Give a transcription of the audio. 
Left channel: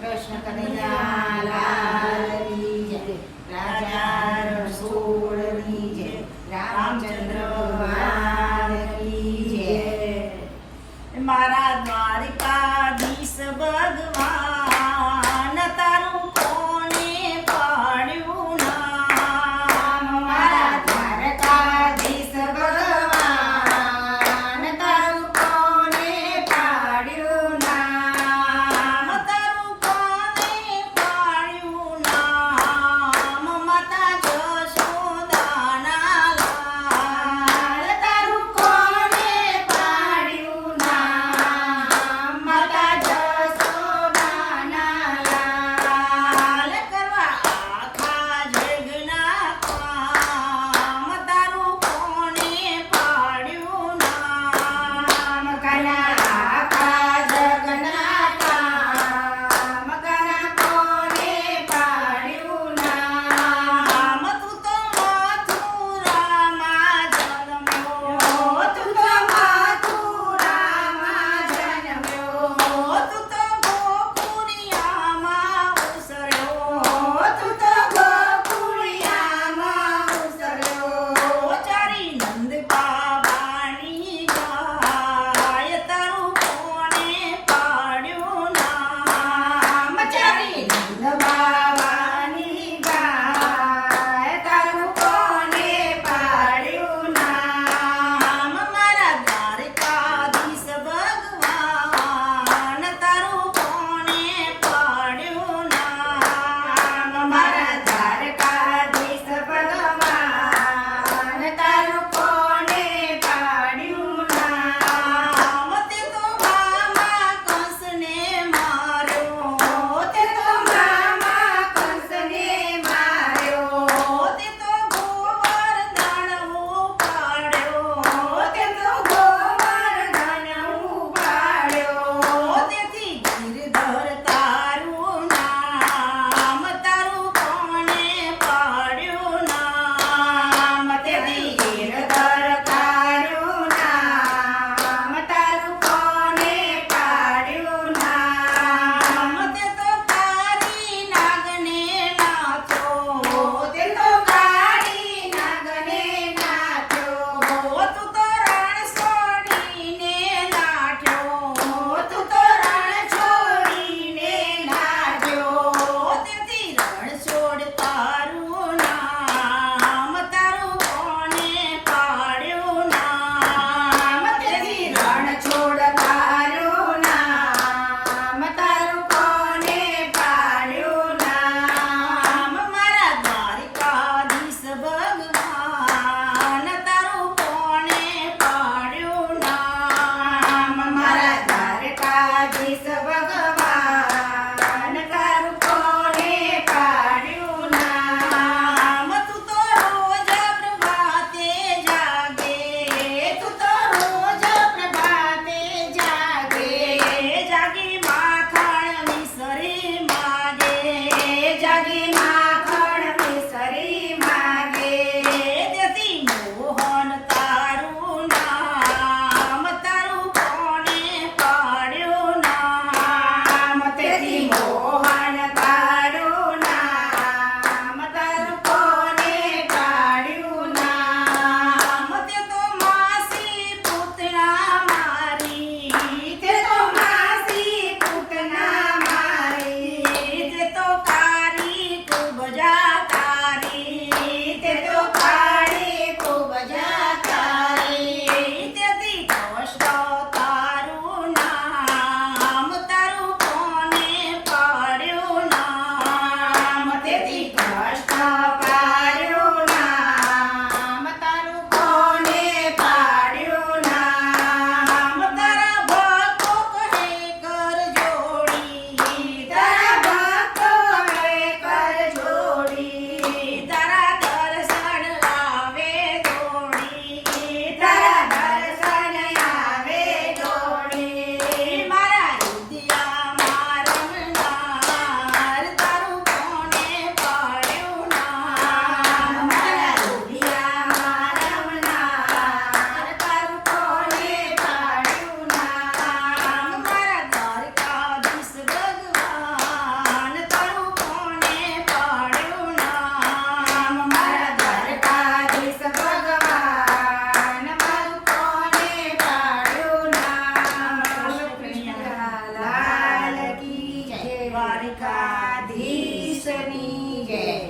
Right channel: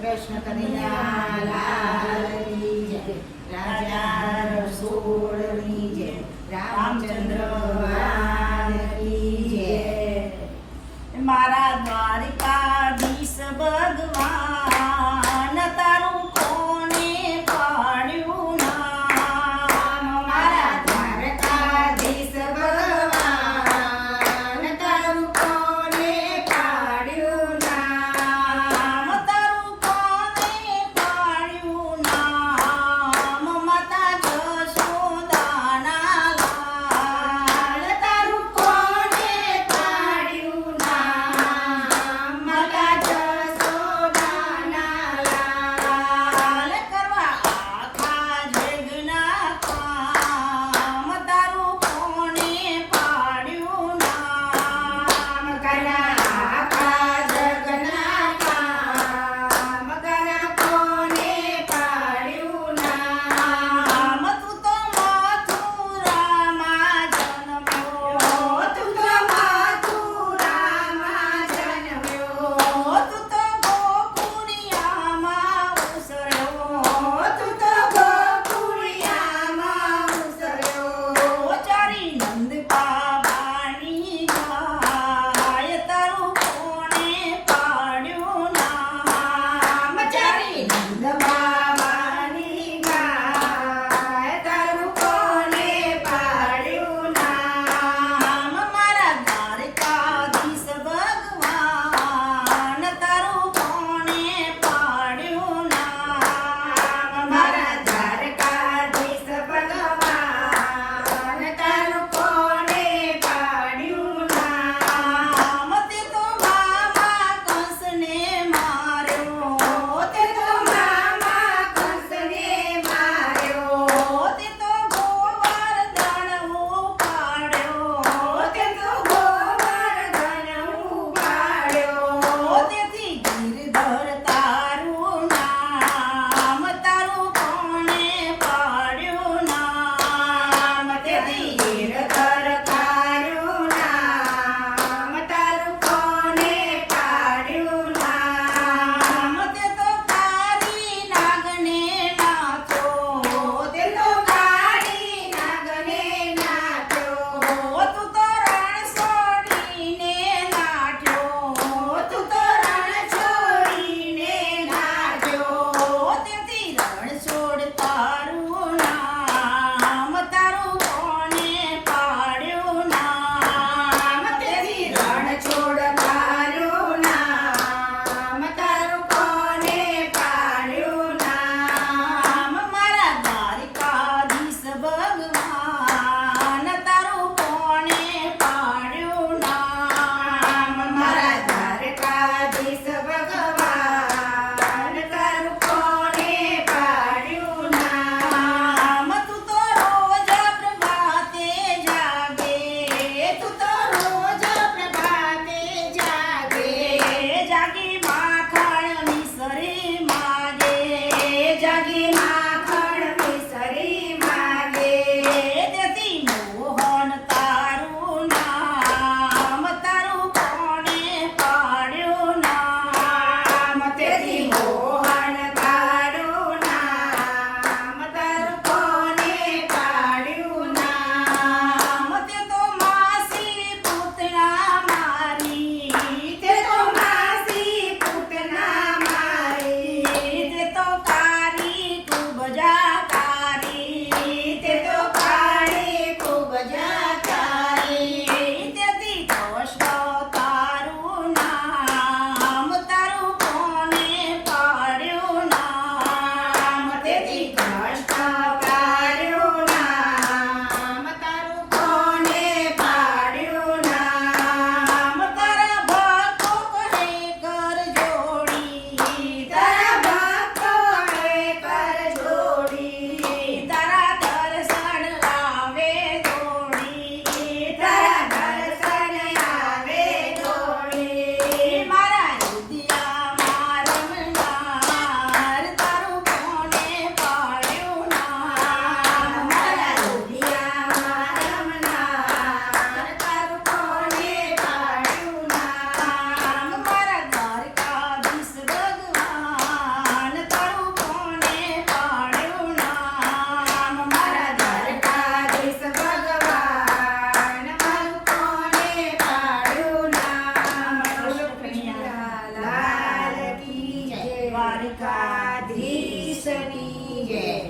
કૃષ્ણ કનૈયા લાલની જય, રાજા રસોડની જય, રામચંદ્ર ભગવાનની જય। મારા દ્વારકાધીશ ભગવાન તારું કોને પાડ્યું નામ? મારા દ્વારકાધીશ ભગવાન તારું કોને પાડ્યું નામ? તારું કોને પાડ્યું નામ? માતા જશોદાના લાલ તારું કોને પાડ્યું નામ? માતા જશોદાના લાલ કરવા આખા જગના કામ તારું કોને પાડ્યું નામ? કના આખા જગના કામ કના કોને પાડ્યું નામ? તું તો મથુરામાં જન્મ્યો, તું તો મથુરામાં જન્મ્યો, તું તો ગોકુળિયામાં ઉછળ્યો, તું તો ગોકુળિયામાં ઉછળ્યો, ચારી નંદ બાબાની ગાય તારું કોને પાડ્યું નામ? ચારી નંદ બાબાની ગાય તારું કોને પાડ્યું નામ? મારા દ્વારકાધીશ ભગવાન તારું કોને પાડ્યું નામ? મારા દ્વારકાધીશ ભગવાન તારું કોને પાડ્યું નામ? તે તો મામા કંસને માર્યો, તે તો મામા કંસને માર્યો, તે તો ગોવર્ધન ઉપાડ્યો, તે તો ગોવર્ધન ઉપાડ્યો, તેથી ગિરધર તારું નામ તારું કોને પાડ્યું નામ? તેથી ગિરધર તારું નામ તારું કોને પાડ્યું નામ? તે તો કાળી નાગને નાથો, તે તો કાળી નાગને નાચ્યો, તું તો રણ છોડીને નાઠ્યો, તું તો રણ છોડીને નાચ્યો, તેથી રણ છોડ તારું નામ તારું કોને પાડ્યું નામ? તેથી રણ છોડ તારું નામ તારું કોને પાડ્યું નામ? મારા દ્વારકાધીશ ભગવાન તારું કોને પાડ્યું નામ? મારા દ્વારકાધીશ ભગવાન તારું કોને પાડ્યું નામ? તું તો રોજ પ્રભાતે જાગે, તું તો રોજ પ્રભાતે જાગે, જાગી માખણ મિસરી માગે, જાગી માખણ મિસરી માગે, તેથી મોહન તારું નામ તારું કોને પાડ્યું નામ? તેથી મોહન તારું નામ તારું કોને પાડ્યું નામ? તે તો માસી પૂતના મારી, તે તો માસી પૂતના મારી, તે તો કારી ખૂબ જાકારી, તે તો કાળી ખૂબ જાકારી, તેથી કૃષ્ણ તારું નામ તારું કોને પાડ્યું દ્વારિકાધીશની જય